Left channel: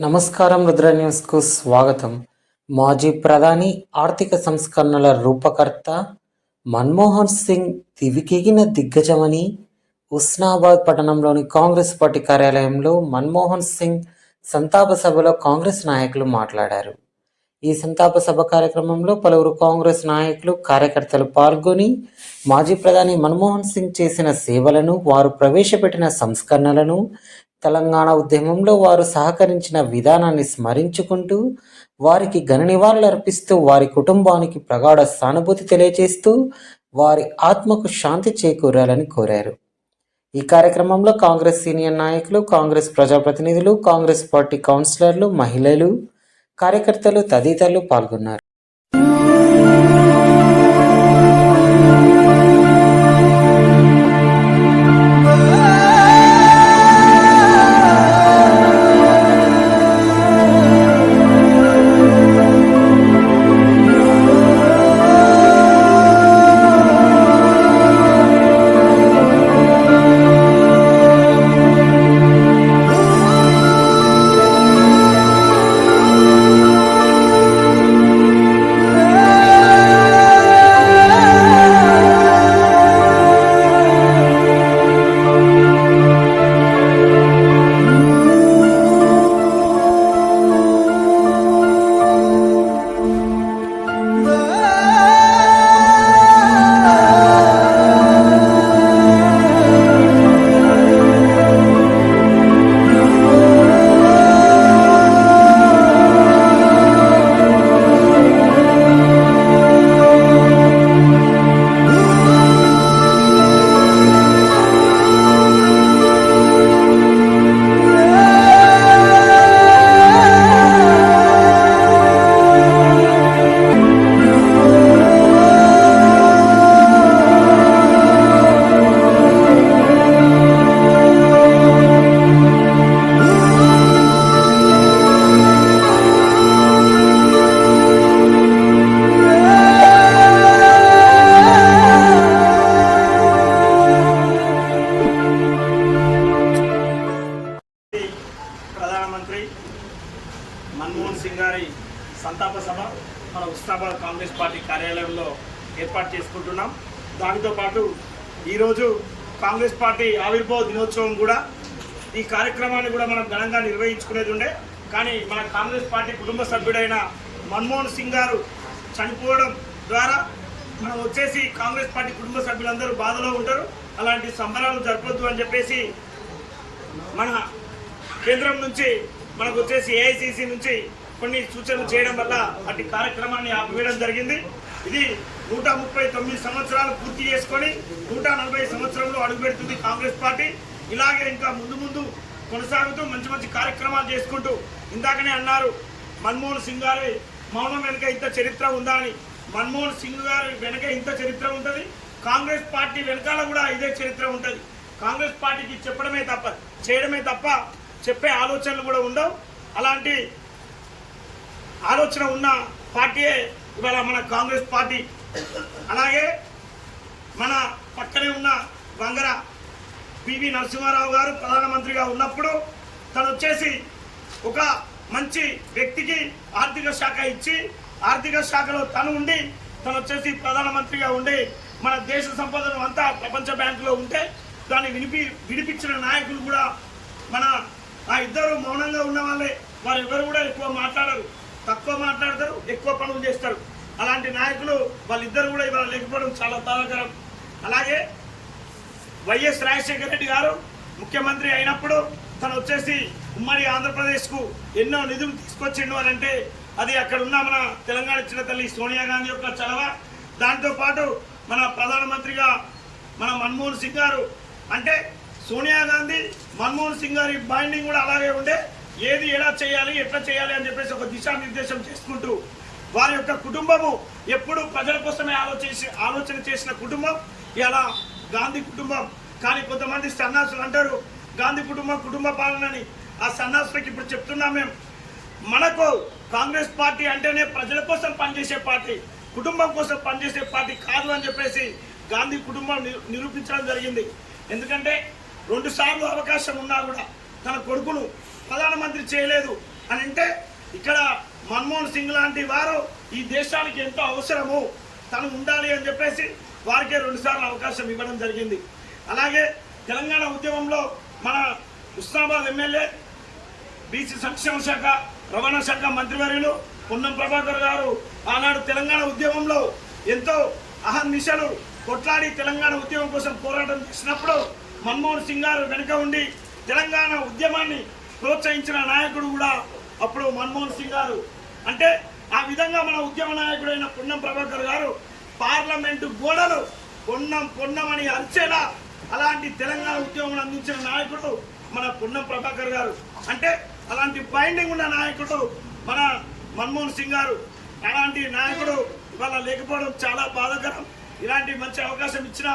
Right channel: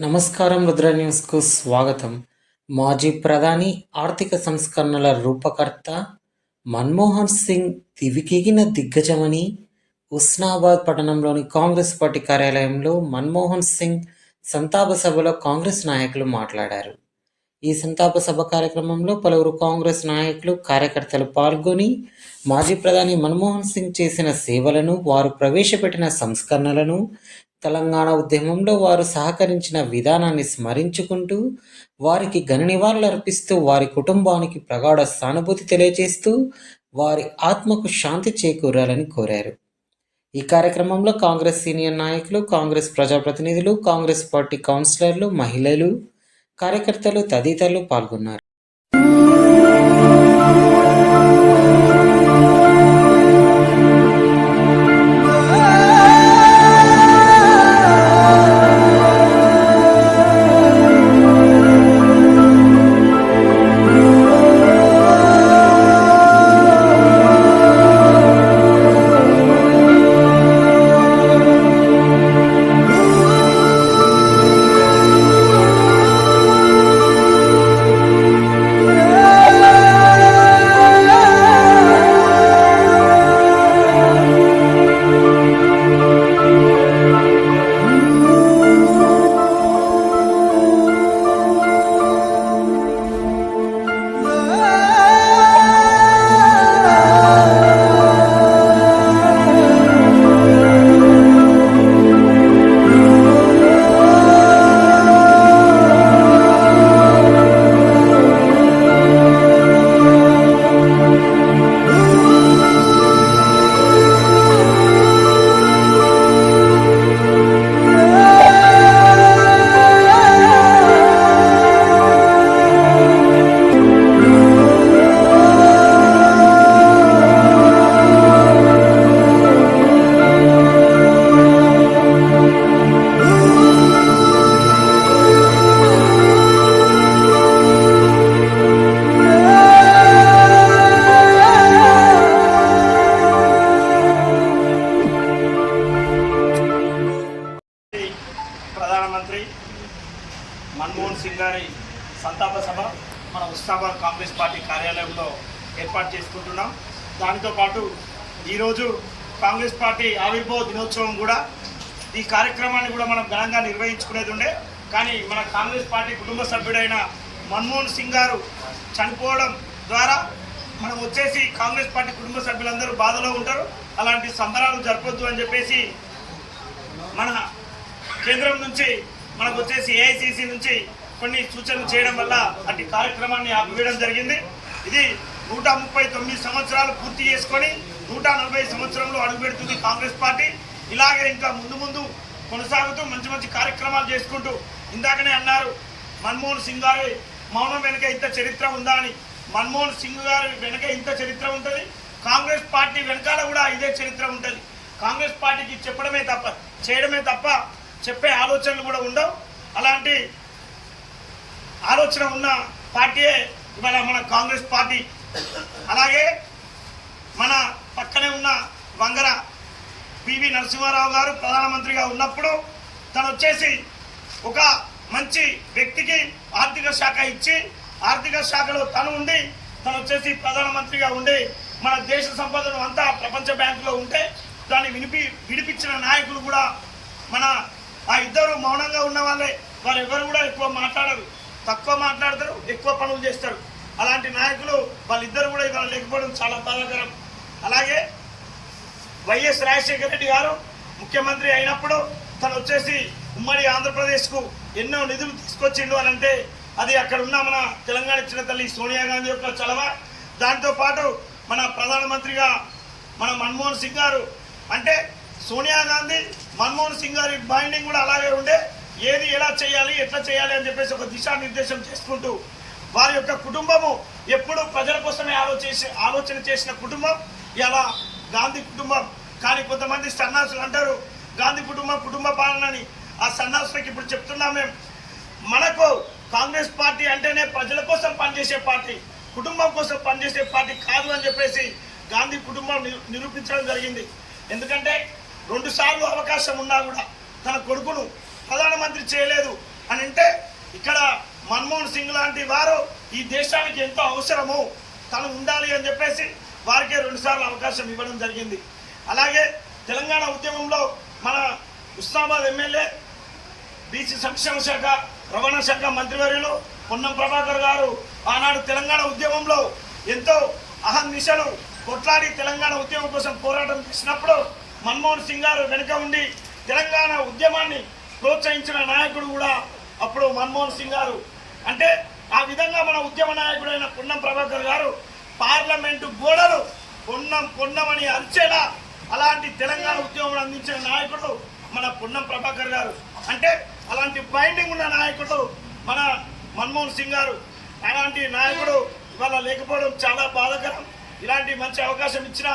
నమస్కారం రుద్ర న్యూస్కు స్వాగతం. మాజీ ప్రధాని ఆర్థిక సంస్కరణల రూపకర్త మన్మోహన్ సింగ్ తివికెగిన దిగ్గజమని ఉస్నాబాద్ పట్టణంలోని కాంగ్రెస్ పార్టీ కార్యాలయంలో మన్మోహన్ సింగ్ సంతాప సభలో కాంగ్రెస్ నాయకులు మాట్లాడారు. ఈ సంతాప సభ కార్యక్రమంలో పలువురు కాంగ్రెస్ నాయకులు కార్యకర్తలు పాల్గొని మాజీ ప్రధాని మన్మోహన్ సింగ్ చేసిన సేవలను వారు ప్రవేశపెట్టిన సంస్కరణలను తెలంగాణ ఉద్యమంలో వారు సహకరించిన విధానాన్ని స్మరించుకుంటూ వారికి ఘన నివాళులు అర్పిస్తూ వారి కుటుంబానికి ప్రగాఢ సానుభూతి తెలియజేస్తూ వారి ఆత్మకు శాంతి చేకూరాలని కోరారు. ఈ కార్యక్రమంలో కాంగ్రెస్ సీనియర్ నాయకులు కాంగ్రెస్ ప్రజాప్రతినిధులు కాంగ్రెస్ పార్టీ కౌన్సిలర్లు మహిళలు కార్యకర్తలు తదితరులు పాల్గొన్నారు. మన్మోహన్ గారి సంతాప సభ మన ఉస్నాబాద్ కాంగ్రెస్ పార్టీ కార్యాలయంలో ఏర్పాటు చేసుకుంటున్నాం. దానితో పాటు ఈరోజు కాంగ్రెస్ పార్టీ ఆవిర్భావ దినోత్సవం కూడా ఈ కార్యక్రమాన్ని కూడా మనం ఘనంగా నిర్వహించుకునేది ఉండే. కానీ మన కాంగ్రెస్ పార్టీ కుటుంబ సభ్యుడైన మన్మోహన్ సింగ్ గారు చనిపోవడం ద్వారా మనం వచ్చేసి కాంగ్రెస్ పార్టీ కుటుంబ సభ్యులందరూ బాధలో ఉంటారు. అలాంటి సంబరాలు జరపొద్దు అని చెప్పేసి మన కేంద్రం నుంచి మనకు వచ్చేసి ఏఐసిసి నుంచి కొన్ని సూచనలు చేయడం వల్ల అటు కార్యక్రమాన్ని ఆపివేయడం జరిగింది. ఇది నూట ముప్పై తొమ్మిది సంవత్సరాలు పూర్తి చేసుకొని నూట నలభై సంవత్సరంలో అడుగుపెడుతుంది కాంగ్రెస్ పార్టీ. ఇలాగే ఇంకా ముందు ముందు కొనసాగుతూ మంచి మంచి కార్యక్రమాలు చేసుకుంటూ ఇందాకనే అన్నారు మన్మోహన్ సింగ్ గారి మౌనం వెనుక ఇంత చరిత్ర ఉందా అని. మన్మోహన్ సింగ్ గారి వెనుక ఇంత చరిత్ర ఉంటుంది. కాంగ్రెస్ పార్టీ వెనకాల కూడా ఇదే చరిత్ర ఉంటుంది. కాంగ్రెస్ పార్టీకి చెప్పడమే తప్ప చేయడమే తప్ప చెప్పే ఆలోచనలు కూడా ఉండవు. అలాంటి ఆలోచన ఉన్న పార్టీయే ఇవాళ మన కాంగ్రెస్ పార్టీ. అలాగే మన పక్కనే ఉన్న వంగర పివి నరసింహారావు గారు ప్రధానమంత్రిగా ఉన్నప్పుడు తను వచ్చేసి ఒక మంచి వ్యక్తికి ఆర్థిక శాఖ ఇచ్చి ఆర్థిక శాఖలో తను ఉండి తను వచ్చేసి ప్రధానమంత్రిగా ఉండి మన దేశ సంపదను అంతా ప్రపంచ బ్యాంకులో ఉంటే దాన్ని వినిపి విడిపించిన నాయకులు కూడా మన ఆ ఇద్దరు మౌనంగా ఉన్న వాళ్ళే. వారు ఎవరు కూడా ఎక్కువ మాట్లాడరు. తక్కువ మాట్లాడతారు ఎక్కువ పనులు చేస్తారు. అలాంటి నాయకులు వాళ్ళిద్దరు కూడా ఇవాళ లేకపోవడం చాలా బాధాకరం. అలాగే వైఎస్ రాజశేఖర రెడ్డి గారు ముఖ్యమంత్రి అయినప్పుడు తను వచ్చేసి ఉమ్మడి ఆంధ్రప్రదేశ్కు ఎన్నో నిధులు తీసుకొచ్చిండు అని అంటే అది అక్కడ ఉన్న మన తెలంగాణ ఇచ్చిన తల్లి సోనియా గాంధీ యొక్క చలవ దాంతో పాటు మన ప్రధానమంత్రిగా మన మన్మోహన్ సింగ్ గారు. అంటే సోనియా గాంధీ మన్మోహన్ సింగ్ గారి బైండింగ్ కూడా అలాగే ఉండే. ఏది ఎలా చేయాలి ఎట్లా చేయాలి అని చెప్పేసి ఒక దిశానిర్దేశం చేసుకుంటూ వారి యొక్క కుటుంబము ఎప్పుడు ప్రజల కోసమే ఆలోచించి ఆలోచన చేసిన కుటుంబం ఇలా గాంధీ కుటుంబం. కానీ కొంతమంది సన్నాసులు అంటారు గాంధీ కుటుంబం కుటుంబ పాలనని ఆ సన్నాసులకు ఇప్పుడు చెప్తున్నాం మేము మనకు కాంగ్రెస్ పార్టీ అంటేనే ప్రజల కోసం పనిచేసే పార్టీ కుటుంబం కోసం పనిచేసే పార్టీ కాదు అని చెప్పేసి గాంధీ కుటుంబం నిరూపించడం జరిగింది. ఎందుకంటే రెండుసార్లు అవకాశం ఉన్నా కూడా తన కొడుకును ప్రధానమంత్రి చేయలేదు అని అంటే ఇక్కడ మన్మోహన్ సింగ్ లాంటి వారు ఈ దేశానికి ఎంతో అవసరము తను ఉండాలి అని చెప్పేసి వారికే రెండుసార్లు అవకాశం ఇవ్వడం జరిగింది. అలాగే తెలంగాణ ఉద్యమంలో మన ఉస్నాబాద్ ఎమ్మెల్యే బీసీ సంక్షేమ శాఖ రవాణా శాఖ మంత్రివర్యులు పొన్నం ప్రభాకర్ గారు ఆనాడు తెలంగాణ ఉద్యమంలో ఎంతో అహర్నిశలు కొట్లాడి తెలంగాణ ఉద్యమం కోసం పోరాటం చేసినప్పుడు మన్మోహన్ సింగ్ గారు వెనుక ఉండి తెలంగాణ ఉద్యమాన్ని ప్రోత్సహించిన నాయకుడు కూడా అప్పుడు మన్మోహన్ సింగ్ గారు. అంటే ఆ విధంగా మన ఉద్యమ నాయకుడైన పొన్నం ప్రభాకర్ గారు పార్లమెంటు గోడలు పొన్నం పొన్నమని అని అరిచేలా అలాంటి తెలంగాణ ఉద్యమం అందించిన నాయకుడు మన పొన్నం ప్రభాకర్ గారు. అంటే అలాంటి బైండింగ్ ఉన్న నాయకుడు మన మన్మోహన్ సింగ్ గారు. అలాంటి నాయకుడు ఇవాళ లేకపోవడం చాలా బాధాకరం. ఇలాంటి మంచి అవకాశం ఇచ్చిన